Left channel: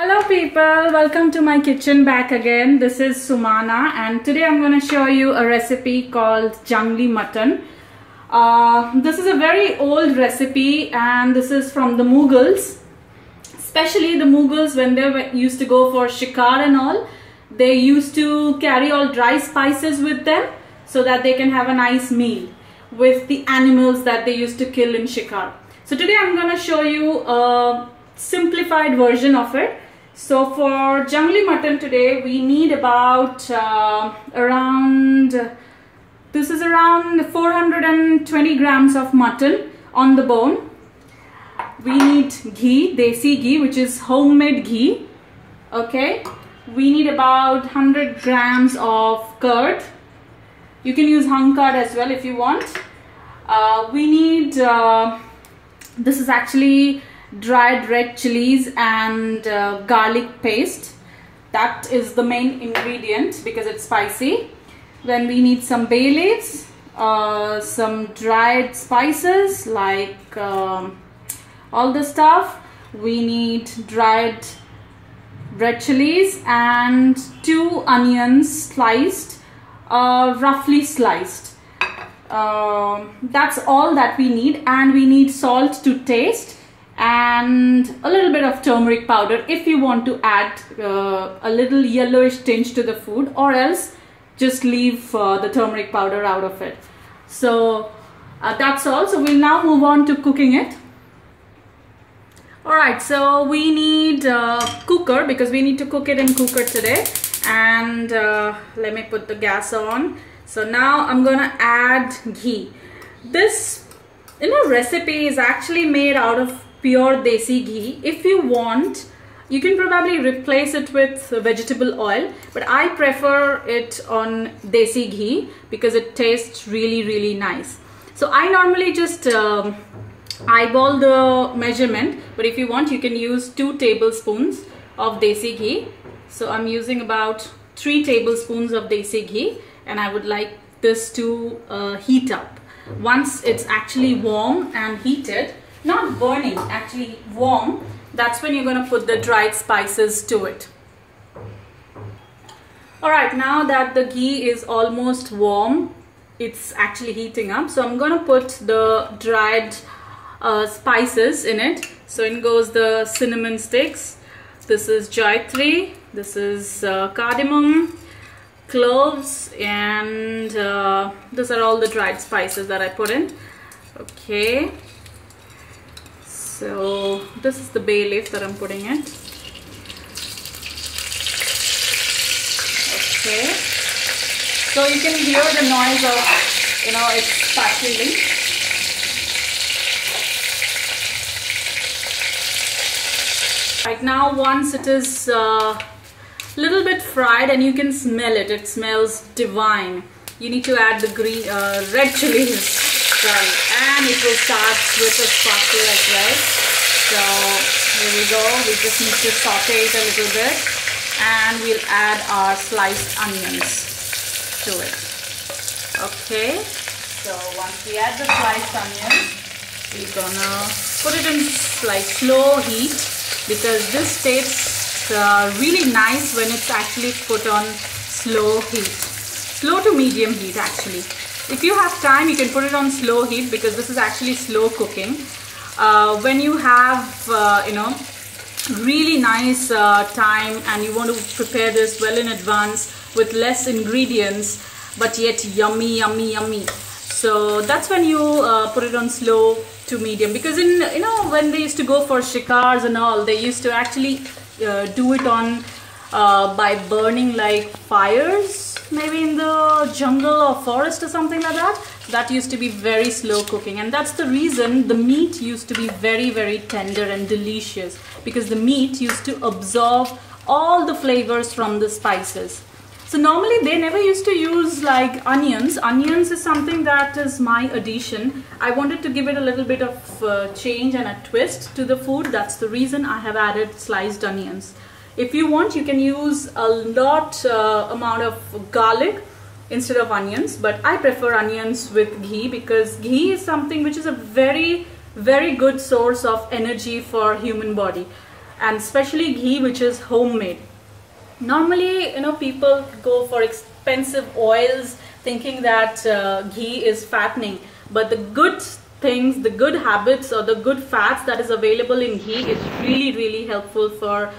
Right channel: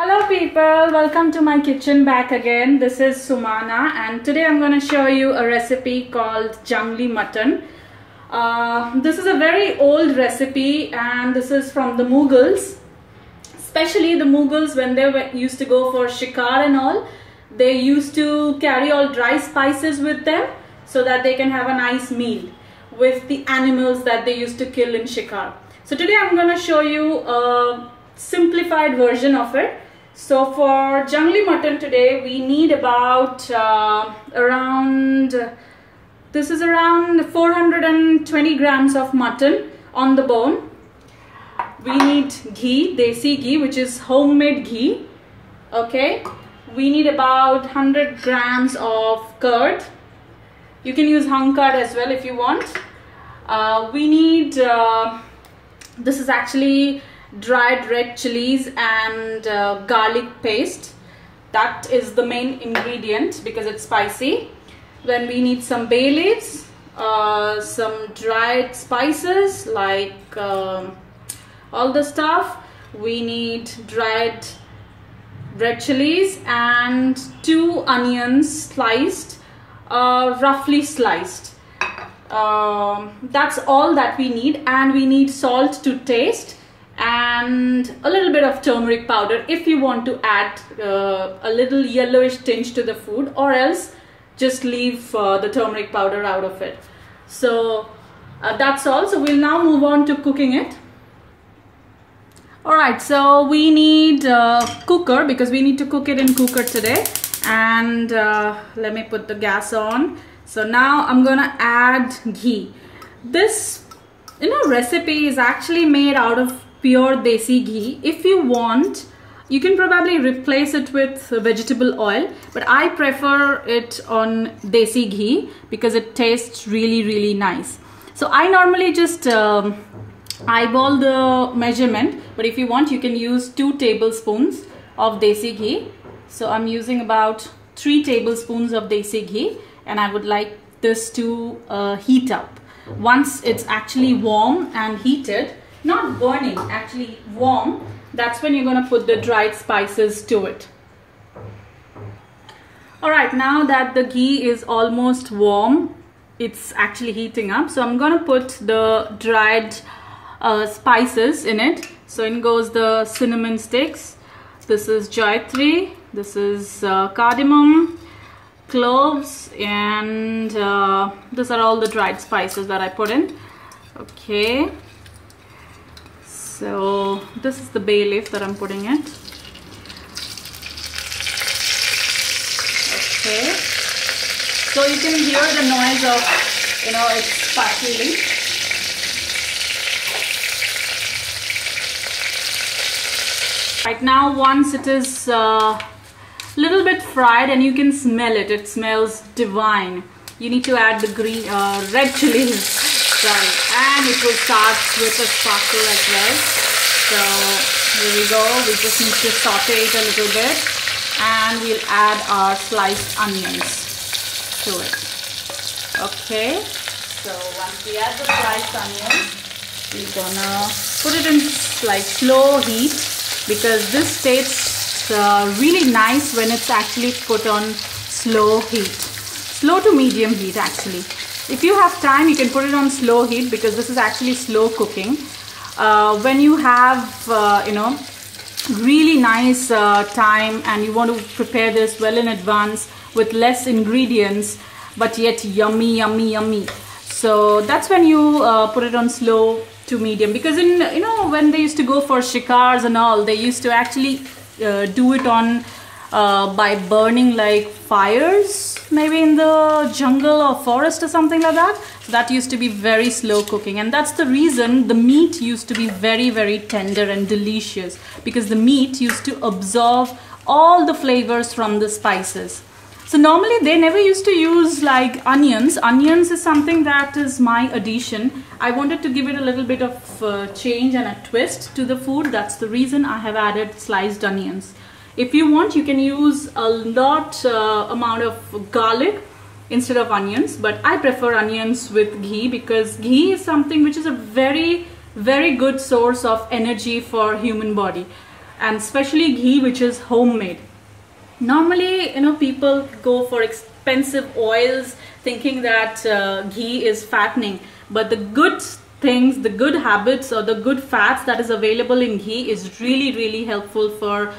Hello people, welcome to my kitchen back again. This is Sumana and today I'm going to show you a recipe called Jungli Mutton. This is a very old recipe and this is from the Mughals. Especially the Mughals, when they used to go for shikar and all, they used to carry all dry spices with them so that they can have a nice meal with the animals that they used to kill in shikar. So today I'm going to show you a simplified version of it. So for Jungli Mutton today we need about around 420 grams of mutton on the bone. We need ghee, desi ghee, which is homemade ghee. Okay, we need about 100 grams of curd. You can use hung curd as well if you want. We need this is actually dried red chillies and garlic paste. That is the main ingredient because it's spicy. Then we need some bay leaves, some dried spices like all the stuff. We need dried red chilies and 2 onions sliced, roughly sliced. That's all that we need, and we need salt to taste and a little bit of turmeric powder if you want to add a little yellowish tinge to the food, or else just leave the turmeric powder out of it. So that's all. So we'll now move on to cooking it. Alright, so we need a cooker because we need to cook it in cooker today. And let me put the gas on. So now I'm gonna add ghee. This recipe is actually made out of pure desi ghee. If you want, you can probably replace it with vegetable oil, but I prefer it on desi ghee because it tastes really nice. So I normally just eyeball the measurement, but if you want you can use 2 tablespoons of desi ghee. So I'm using about 3 tablespoons of desi ghee, and I would like this to heat up. Once it's actually warm and heated, not burning, actually warm, that's when you're going to put the dried spices to it. Alright, now that the ghee is almost warm, it's actually heating up. So I'm going to put the dried spices in it. So in goes the cinnamon sticks. This is jayatri, this is cardamom, cloves, and these are all the dried spices that I put in. Okay, so this is the bay leaf that I'm putting in. Okay, so you can hear the noise of it's sparkling. Right now, once it is little bit fried and you can smell it, it smells divine, you need to add the green red chilies, right, and it will start with a sparkle as well. So here we go, we just need to saute it a little bit, and we'll add our sliced onions to it. Okay, so once we add the sliced onions, we're gonna put it in like slow heat because this tastes really nice when it's actually put on slow heat, slow to medium heat actually. If you have time, you can put it on slow heat because this is actually slow cooking. When you have really nice time and you want to prepare this well in advance with less ingredients but yet yummy, so that's when you put it on slow to medium, because when they used to go for shikars and all, they used to actually do it on by burning like fires maybe in the jungle or forest or something like that. So that used to be very slow cooking, and that's the reason the meat used to be very tender and delicious, because the meat used to absorb all the flavors from the spices. So normally they never used to use like onions. Onions is something that is my addition. I wanted to give it a little bit of change and a twist to the food. That's the reason I have added sliced onions. If you want, you can use a lot amount of garlic instead of onions, but I prefer onions with ghee because ghee is something which is a very good source of energy for human body. and especially ghee which is homemade. Normally, people go for expensive oils thinking that ghee is fattening, but the good things, the good habits or the good fats that is available in ghee is really, really helpful for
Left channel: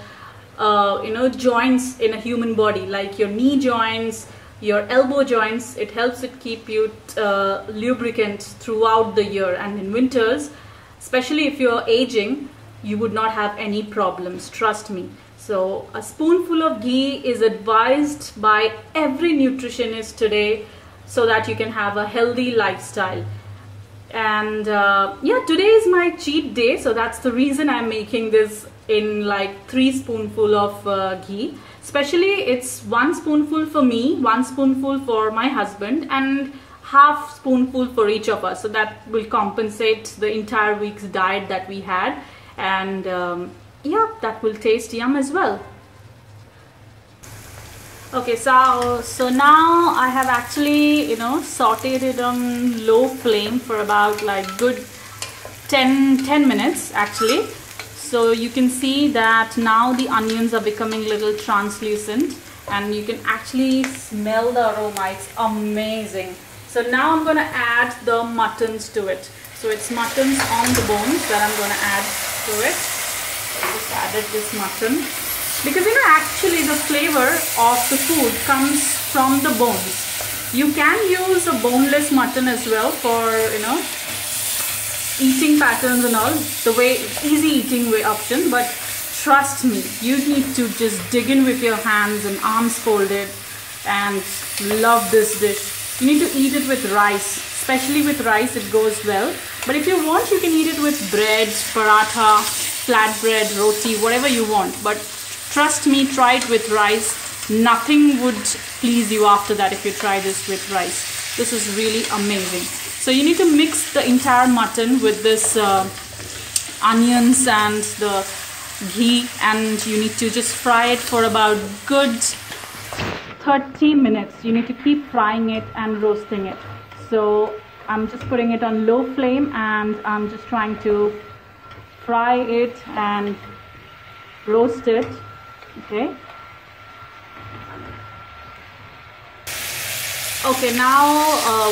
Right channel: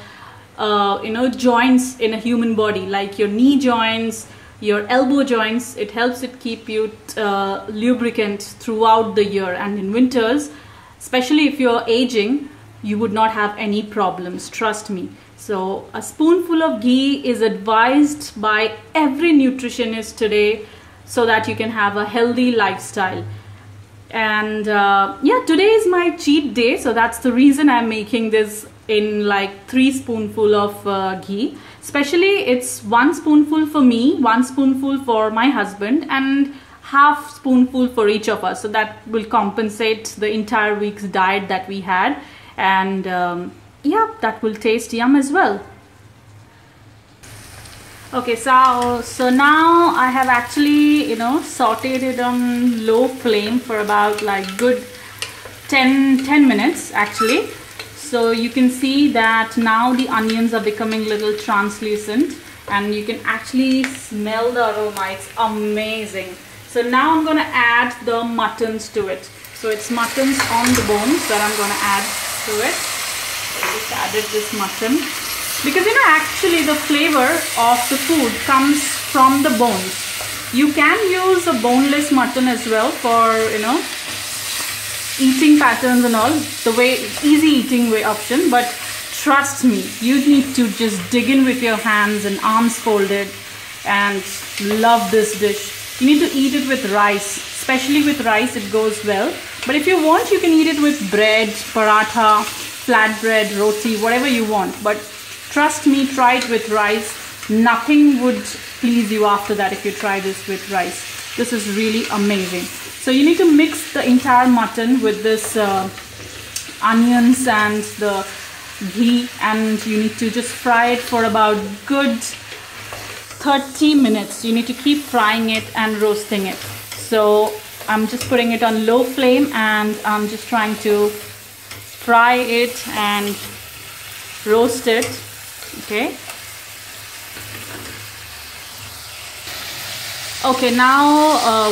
joints in a human body, like your knee joints, your elbow joints. It helps it keep you lubricant throughout the year, and in winters, especially if you're aging, you would not have any problems, trust me. So a spoonful of ghee is advised by every nutritionist today so that you can have a healthy lifestyle. And yeah, today is my cheat day, so that's the reason I'm making this in like 3 spoonful of ghee. Especially it's 1 spoonful for me, 1 spoonful for my husband, and half spoonful for each of us. So that will compensate the entire week's diet that we had. And yeah, that will taste yum as well. Okay, so now I have actually sauteed it on low flame for about like good 10 minutes actually. So you can see that now the onions are becoming a little translucent, and you can actually smell the aroma. It's amazing. So now I'm gonna add the muttons to it. So it's muttons on the bones that I'm gonna add to it. I just added this mutton because actually the flavor of the food comes from the bones. You can use a boneless mutton as well for eating patterns and all, the way easy eating way option, but trust me, you need to just dig in with your hands and arms folded and love this dish. You need to eat it with rice, especially with rice it goes well, but if you want you can eat it with bread, paratha, flatbread, roti, whatever you want. But trust me, try it with rice. Nothing would please you after that if you try this with rice. This is really amazing. So you need to mix the entire mutton with this onions and the ghee, and you need to just fry it for about good 30 minutes. You need to keep frying it and roasting it. So I'm just putting it on low flame and I'm just trying to fry it and roast it. Okay. Okay, now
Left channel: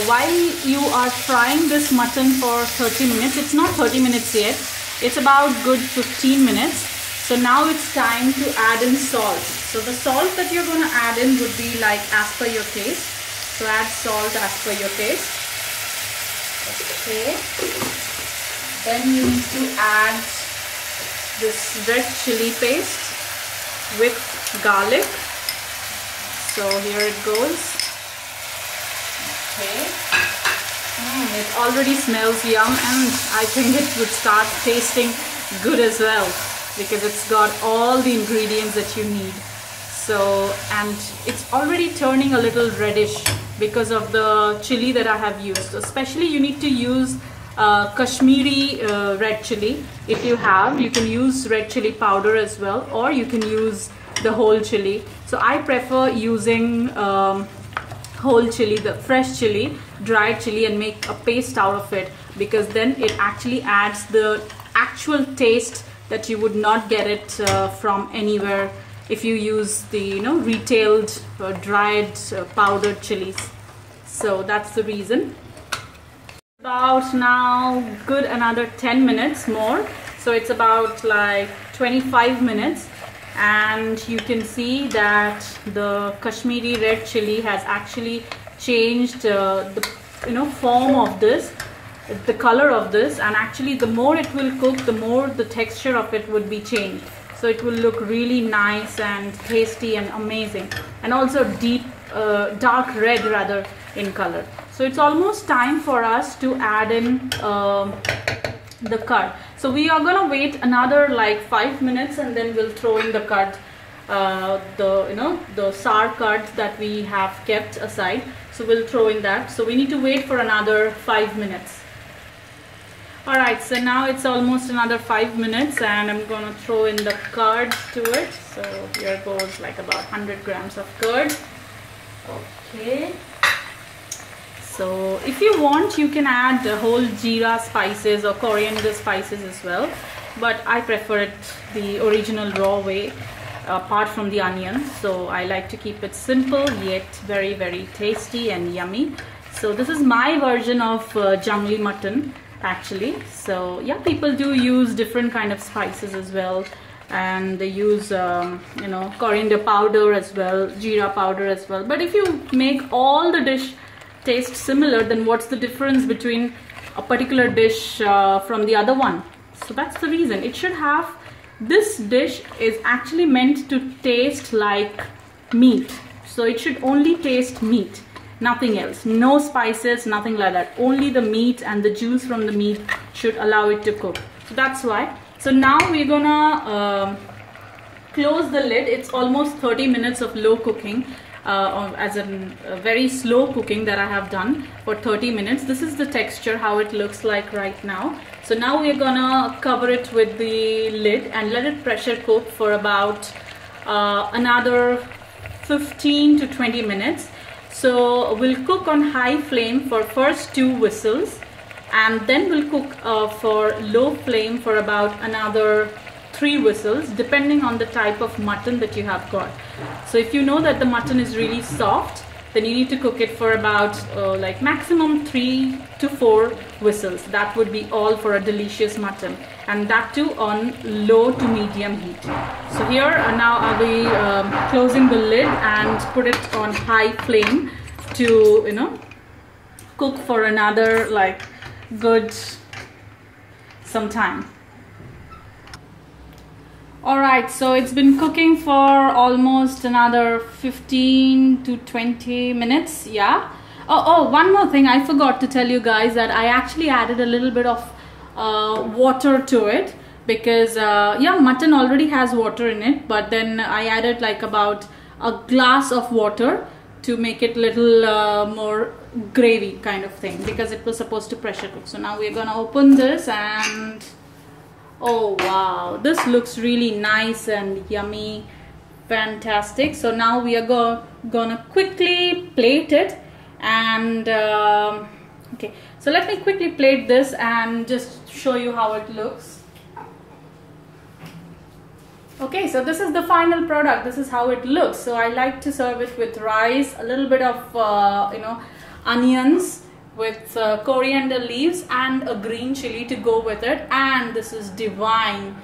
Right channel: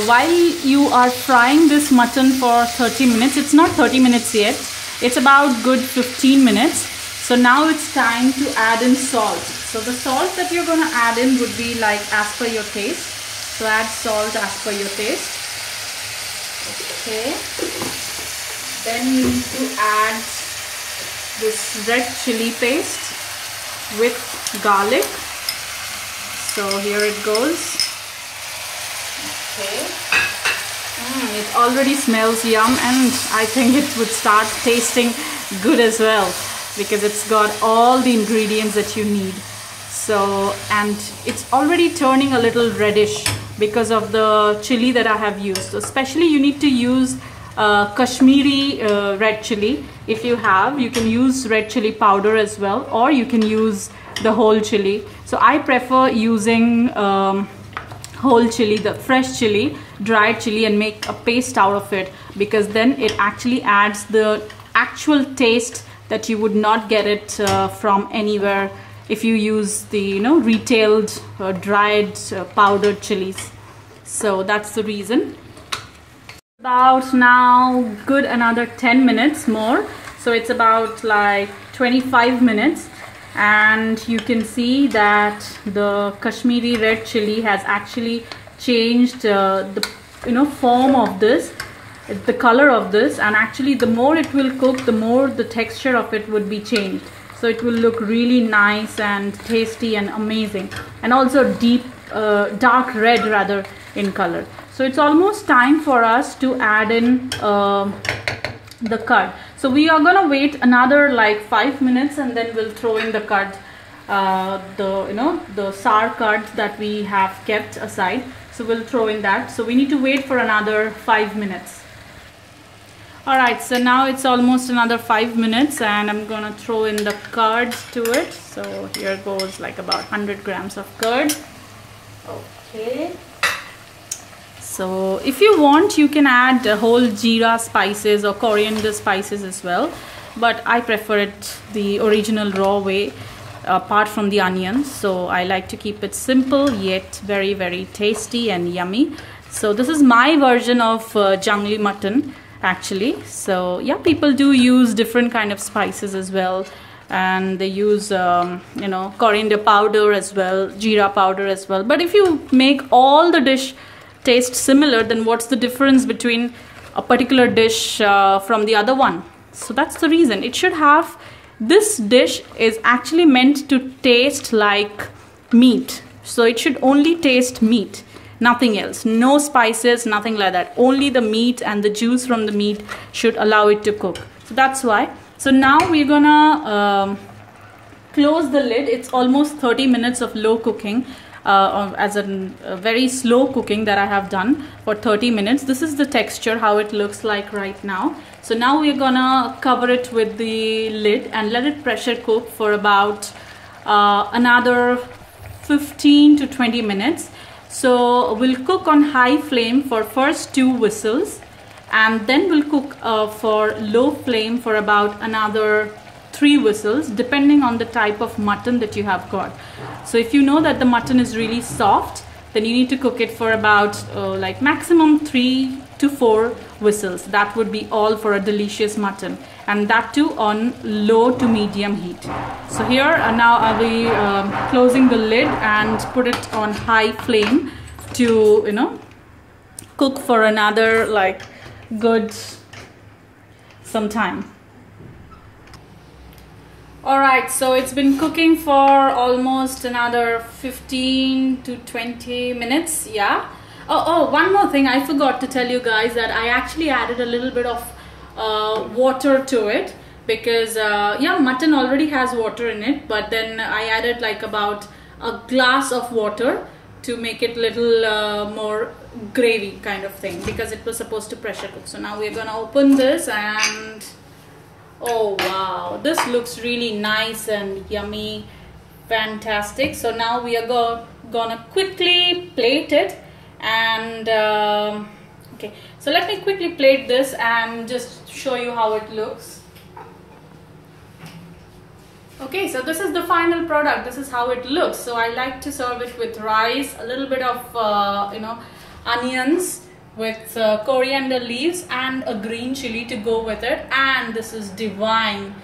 while you are frying this mutton for 30 minutes, it's not 30 minutes yet, it's about good 15 minutes. So now it's time to add in salt. So the salt that you're going to add in would be like as per your taste. So add salt as per your taste. Okay. Then you need to add this red chili paste with garlic. So here it goes. Okay. It already smells yum, and I think it would start tasting good as well because it's got all the ingredients that you need. So, and it's already turning a little reddish because of the chili that I have used. Especially you need to use Kashmiri red chili. If you have, you can use red chili powder as well, or you can use the whole chili. So I prefer using whole chili, the fresh chili, dried chili, and make a paste out of it, because then it actually adds the actual taste that you would not get it from anywhere if you use the retailed dried powdered chilies. So that's the reason. About now good another 10 minutes more, so it's about like 25 minutes, and you can see that the Kashmiri red chili has actually changed the form of this, the color of this, and actually the more it will cook, the more the texture of it would be changed. So it will look really nice and tasty and amazing, and also deep dark red rather in color. So it's almost time for us to add in the curd. So we are gonna wait another like 5 minutes, and then we'll throw in the curd, the sour curd that we have kept aside. So we'll throw in that. So we need to wait for another 5 minutes. Alright, so now it's almost another 5 minutes, and I'm gonna throw in the curd to it. So here goes like about 100 grams of curd. Okay. So if you want, you can add whole jeera spices or coriander spices as well, but I prefer it the original raw way, apart from the onions. So I like to keep it simple yet very, very tasty and yummy. So this is my version of Jungli Mutton actually. So yeah, people do use different kind of spices as well, and they use you know, coriander powder as well, jeera powder as well. But if you make all the dish taste similar, then what's the difference between a particular dish from the other one? So that's the reason. It should have, this dish is actually meant to taste like meat. So it should only taste meat, nothing else. No spices, nothing like that. Only the meat and the juice from the meat should allow it to cook. So that's why. So now we're gonna close the lid. It's almost 30 minutes of low cooking, as a very slow cooking that I have done for 30 minutes. This is the texture, how it looks like right now. So now we're gonna cover it with the lid and let it pressure cook for about another 15 to 20 minutes. So we'll cook on high flame for first 2 whistles, and then we'll cook for low flame for about another 3 whistles, depending on the type of mutton that you have got. So if you know that the mutton is really soft, then you need to cook it for about like maximum 3 to 4 whistles. That would be all for a delicious mutton, and that too on low to medium heat. So here now I'll be closing the lid and put it on high flame to, you know, cook for another like good some time. Alright, so it's been cooking for almost another 15 to 20 minutes, yeah. Oh, one more thing I forgot to tell you guys, that I actually added a little bit of water to it, because yeah, mutton already has water in it, but then I added like about a glass of water to make it little more gravy kind of thing, because it was supposed to pressure cook. So now we're gonna open this, and oh wow, this looks really nice and yummy, fantastic. So now we are gonna quickly plate it, and okay, so let me quickly plate this and just show you how it looks. Okay, so this is the final product. This is how it looks. So I like to serve it with rice, a little bit of you know, onions with coriander leaves and a green chili to go with it, and this is divine.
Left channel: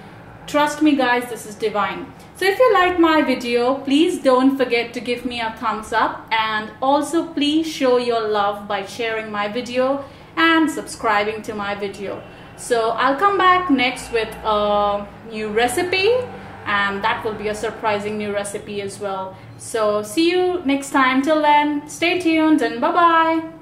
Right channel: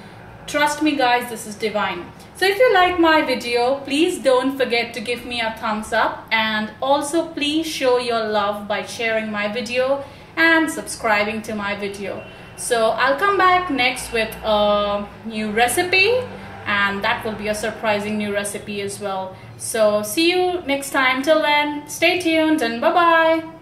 Trust me guys, this is divine. So if you like my video, please don't forget to give me a thumbs up, and also please show your love by sharing my video and subscribing to my video. So I'll come back next with a new recipe, and that will be a surprising new recipe as well. So see you next time. Till then, stay tuned and bye bye.